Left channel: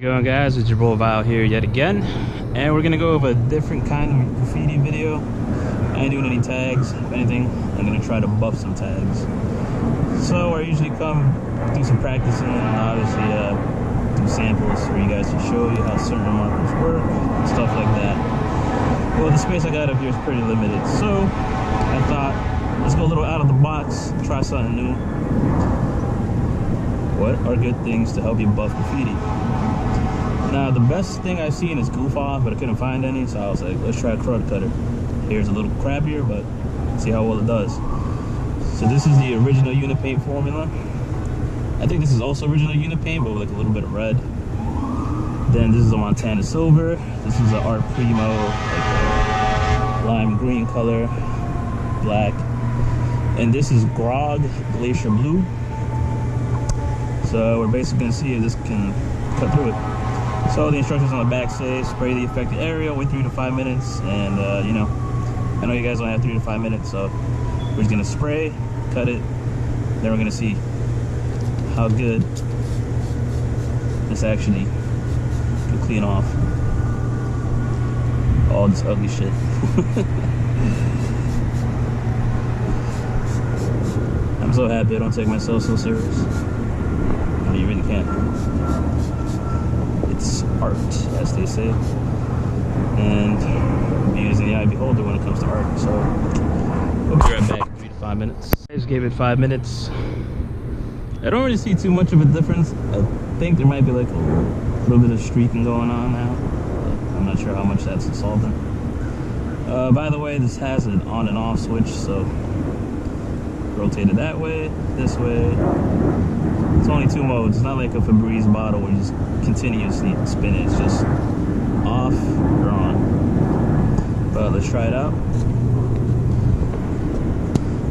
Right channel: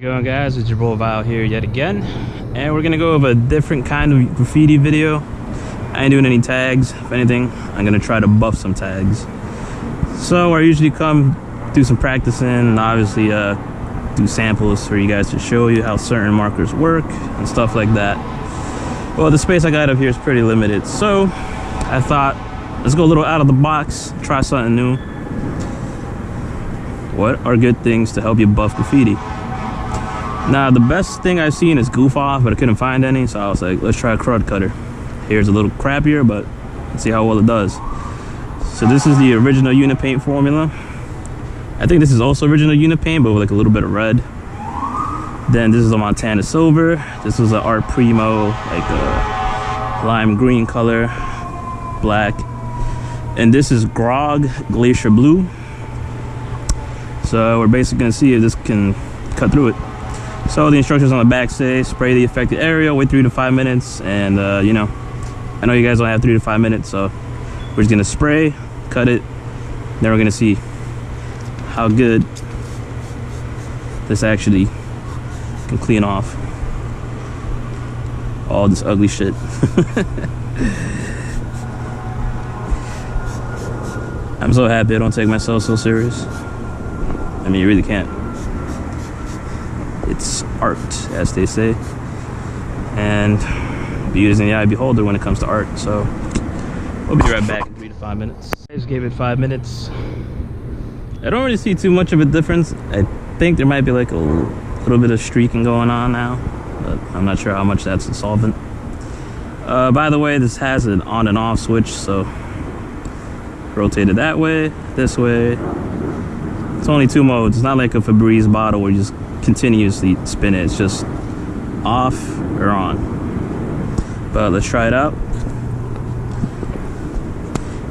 Going guys, it's your boy Val here yet again, and we're gonna go over a different kind of graffiti video. I ain't doing any tags. If anything, I'm gonna try to buff some tags. So I usually come do some practicing and obviously do samples for you guys to show you how certain markers work and stuff like that. Well, the space I got up here is pretty limited, so I thought let's go a little out of the box, try something new. What are good things to help you buff graffiti? Now, the best thing I've seen is goof off, but I couldn't find any, so I was like, let's try Krud Kutter. Here's a little crappier, but let's see how well it does. So this is the original unit paint formula. I think this is also original unit paint, but with like a little bit of red. Then this is the Montana silver. This was the Art Primo, like a lime green color, black. And this is Grog Glacier Blue. So we're basically gonna see if this can cut through it. So the instructions on the back say spray the affected area, wait 3 to 5 minutes, and you know, I know you guys don't have 3 to 5 minutes, so we're just gonna spray, cut it, then we're gonna see how good this actually can clean off all this ugly shit. I'm so happy I don't take myself so serious. I mean, you really can't. It's art, as they say, and beauty is in the eye of the beholder when it comes to art. So we'll be right back in 3 to 5 minutes. I just gave it 5 minutes. I don't really see too much of a difference. I think there might be like a little bit of streaking going on now, but I'm not sure how much that's a solvent. By the way, this has an on and off switch, so rotate it that way, this way. It's only 2 modes. It's not like a Febreze bottle where you just continuously spin it. It's just off or on. But let's try it out.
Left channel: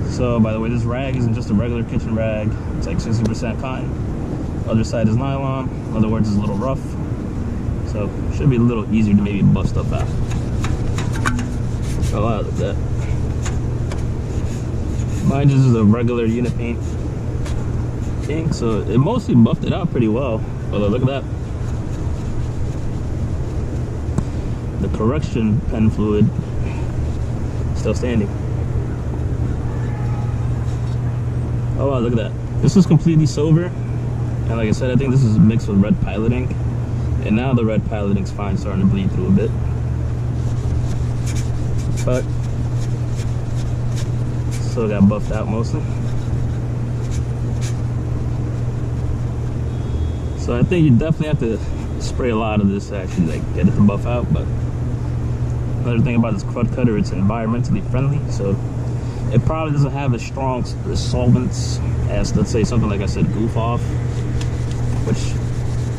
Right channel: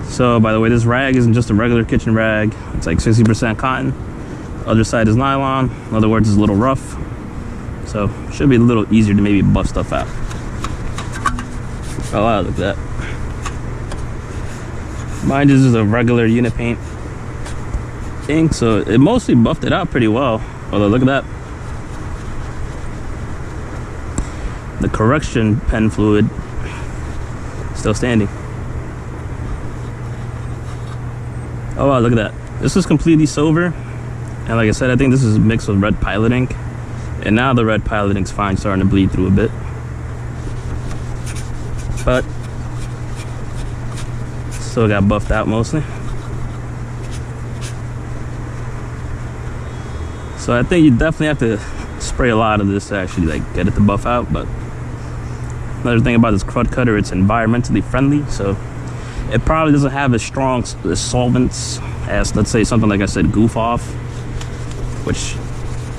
So by the way, this rag isn't just a regular kitchen rag. It's like 60% cotton. Other side is nylon. In other words, it's a little rough. So it should be a little easier to maybe buff stuff out. Oh wow, look at that. Mine just is a regular unit paint ink, so it mostly buffed it out pretty well. Although look at that, the correction pen fluid still standing. Oh wow, look at that. This is completely silver, and like I said, I think this is mixed with red pilot ink, and now the red pilot ink's fine, starting to bleed through a bit, but still got buffed out mostly. So I think you definitely have to spray a lot of this to actually like get it to buff out. But another thing about this Krud Kutter, it's environmentally friendly, so it probably doesn't have as strong solvents as, let's say, something like I said, goof off, which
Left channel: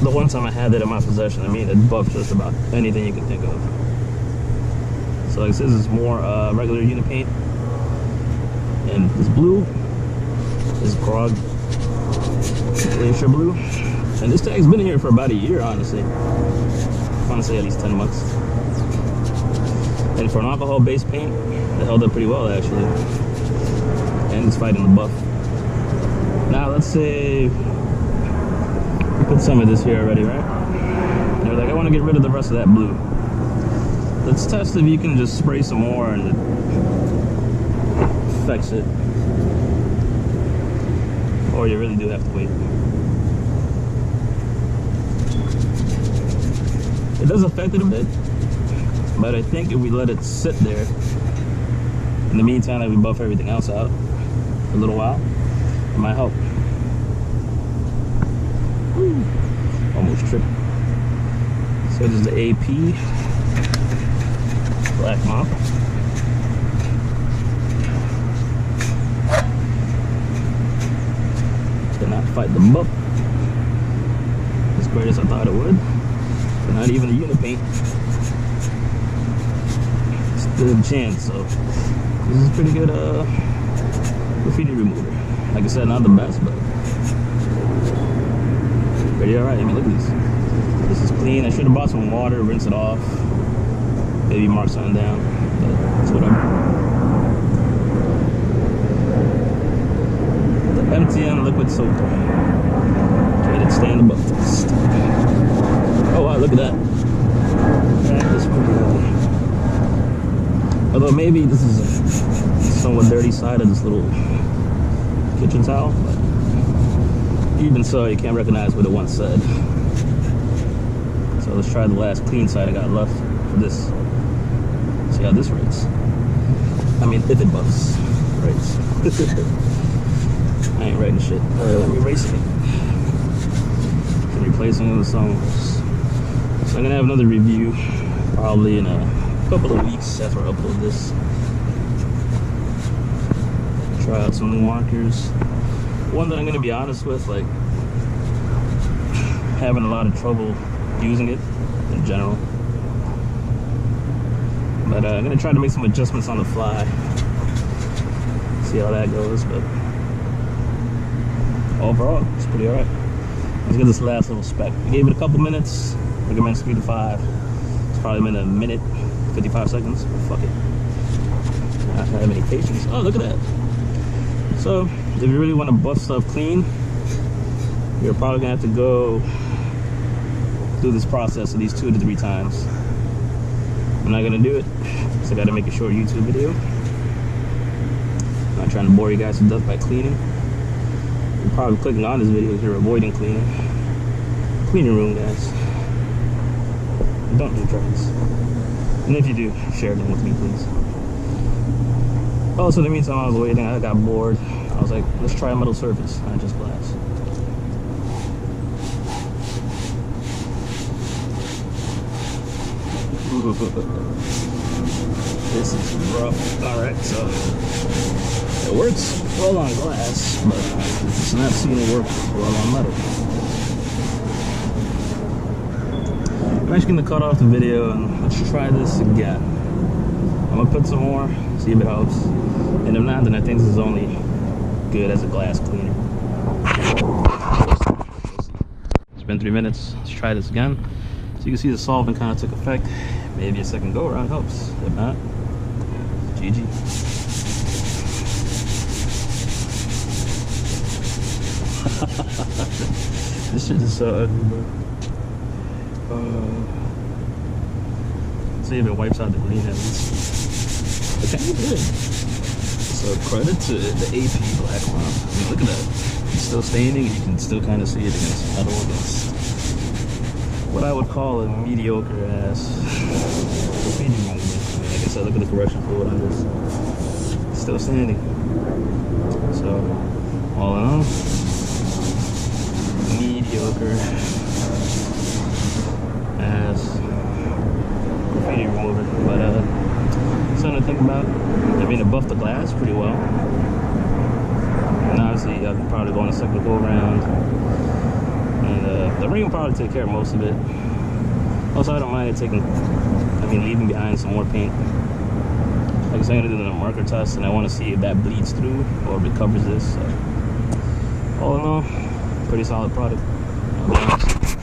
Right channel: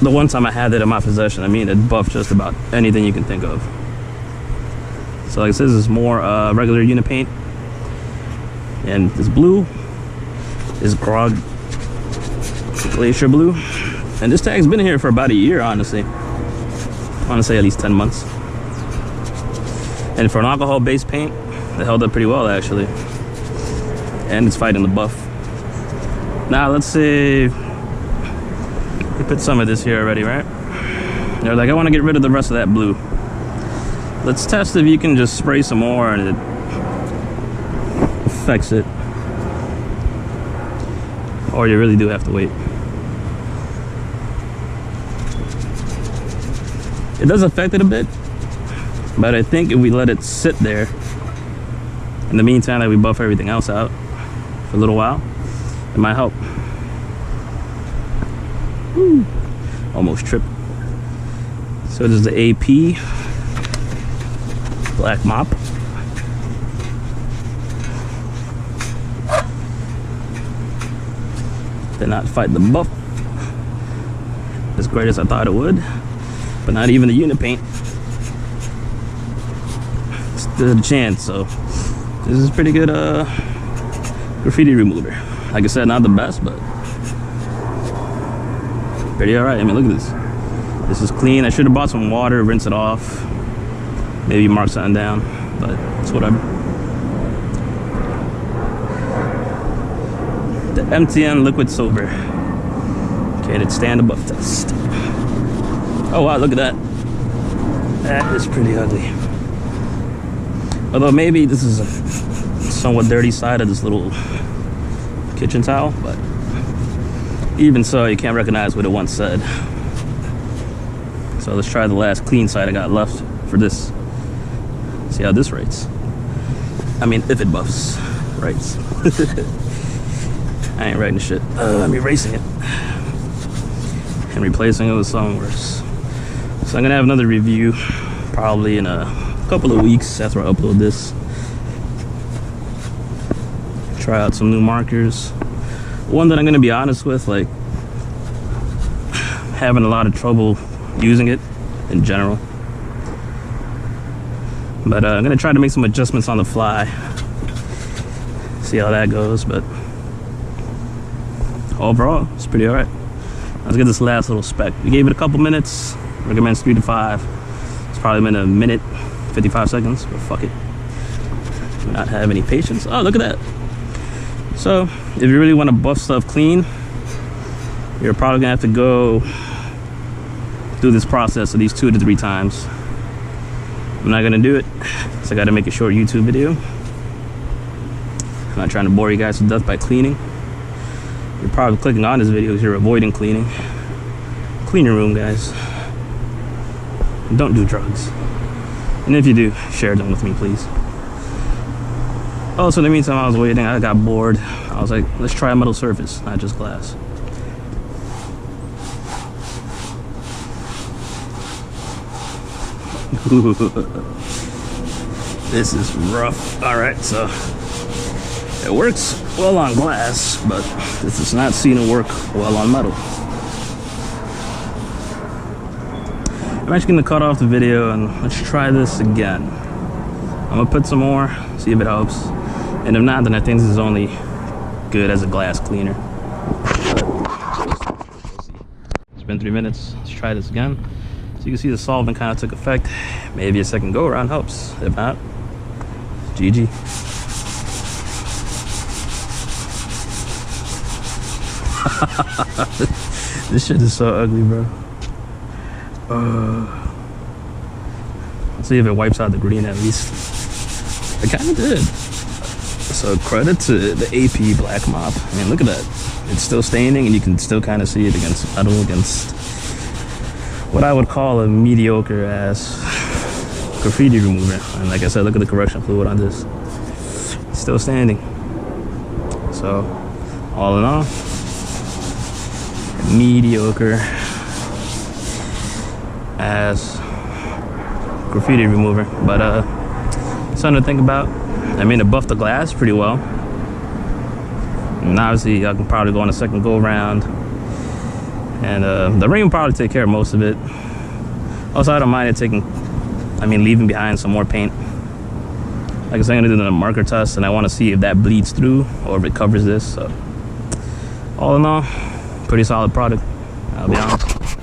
the one time I had it in my possession, I mean, it buffed just about anything you can think of. So like I said, this is more regular unit paint, and this blue is Grog Glacier Blue. And this tag's been here for about a year, honestly. I want to say at least 10 months. And for an alcohol-based paint, it held up pretty well, actually. And it's fighting the buff. Now, let's say we put some of this here already, right? They're like, I want to get rid of the rest of that blue. Let's test if you can just spray some more and it affects it. Or you really do have to wait. It does affect it a bit, but I think if we let it sit there in the meantime that we buff everything else out for a little while, it might help. Woo. Almost tripped. So this is the AP black mop. Did not fight the buff as great as I thought it would. But not even the unit paint stood a chance. So this is pretty good graffiti remover. Like I said, not the best, but pretty alright. I mean, look at this. This is clean. I should have bought some water, rinse it off, maybe mark something down, but it's whatever. The MTN liquid silver. Okay, let's stand above test. Oh wow, look at that. That is pretty ugly. Although maybe this is a somewhat dirty side of this little kitchen towel, but even so, you can't recognize what it once said. So let's try the last clean side I got left for this. See how this rates. I mean, if it buffs, rates. I ain't writing shit. I'm erasing it and replacing it with Songverse. So I'm gonna have another review probably in a couple of weeks after I upload this. Try out some new markers. One that I'm gonna be honest with, like, having a lot of trouble using it in general. But I'm gonna try to make some adjustments on the fly. See how that goes, but overall, it's pretty alright. Let's get this last little spec. We gave it a couple minutes. Recommends 3 to 5. It's probably been a minute, 55 seconds, but fuck it. Do not have any patience. Oh, look at that. So, if you really want to buff stuff clean, you're probably gonna have to go through this process at least 2 to 3 times. I'm not gonna do it, so I gotta make a short YouTube video. I'm not trying to bore you guys to death by cleaning. You're probably clicking on this video because you're avoiding cleaning. Clean your room, guys. Don't do drugs. And if you do, share them with me, please. Also, in the meantime, I was waiting. I got bored. I was like, let's try a metal surface, not just glass. Ooh, this is rough. All right, so it works well on glass, but this is not seen to work well on metal. I'm actually gonna cut off the video and let's try this again. I'm gonna put some more, see if it helps. And if not, then I think this is only good as a glass cleaner. But we'll see. It's been 3 minutes. Let's try this again. So you can see the solvent kind of took effect. Maybe a second go around helps. If not, GG. This shit is so ugly, bro. Let's see if it wipes out the green at least. It kind of did. So credit to the AP black mop. I mean, look at that. It's still staining, and you can still kind of see it against metal, against what I would call a mediocre ass graffiti remover. And like I said, look at the correction fluid on this. It's still standing. So all in all, mediocre ass graffiti remover. But something to think about. I mean, it buffed the glass pretty well. And obviously, I could probably go on a second go around. And the ring will probably take care of most of it. Also, I don't mind it leaving behind some more paint. Like I said, I'm gonna do the marker test, and I want to see if that bleeds through or if it covers this. So, all in all, pretty solid product, I'll be honest.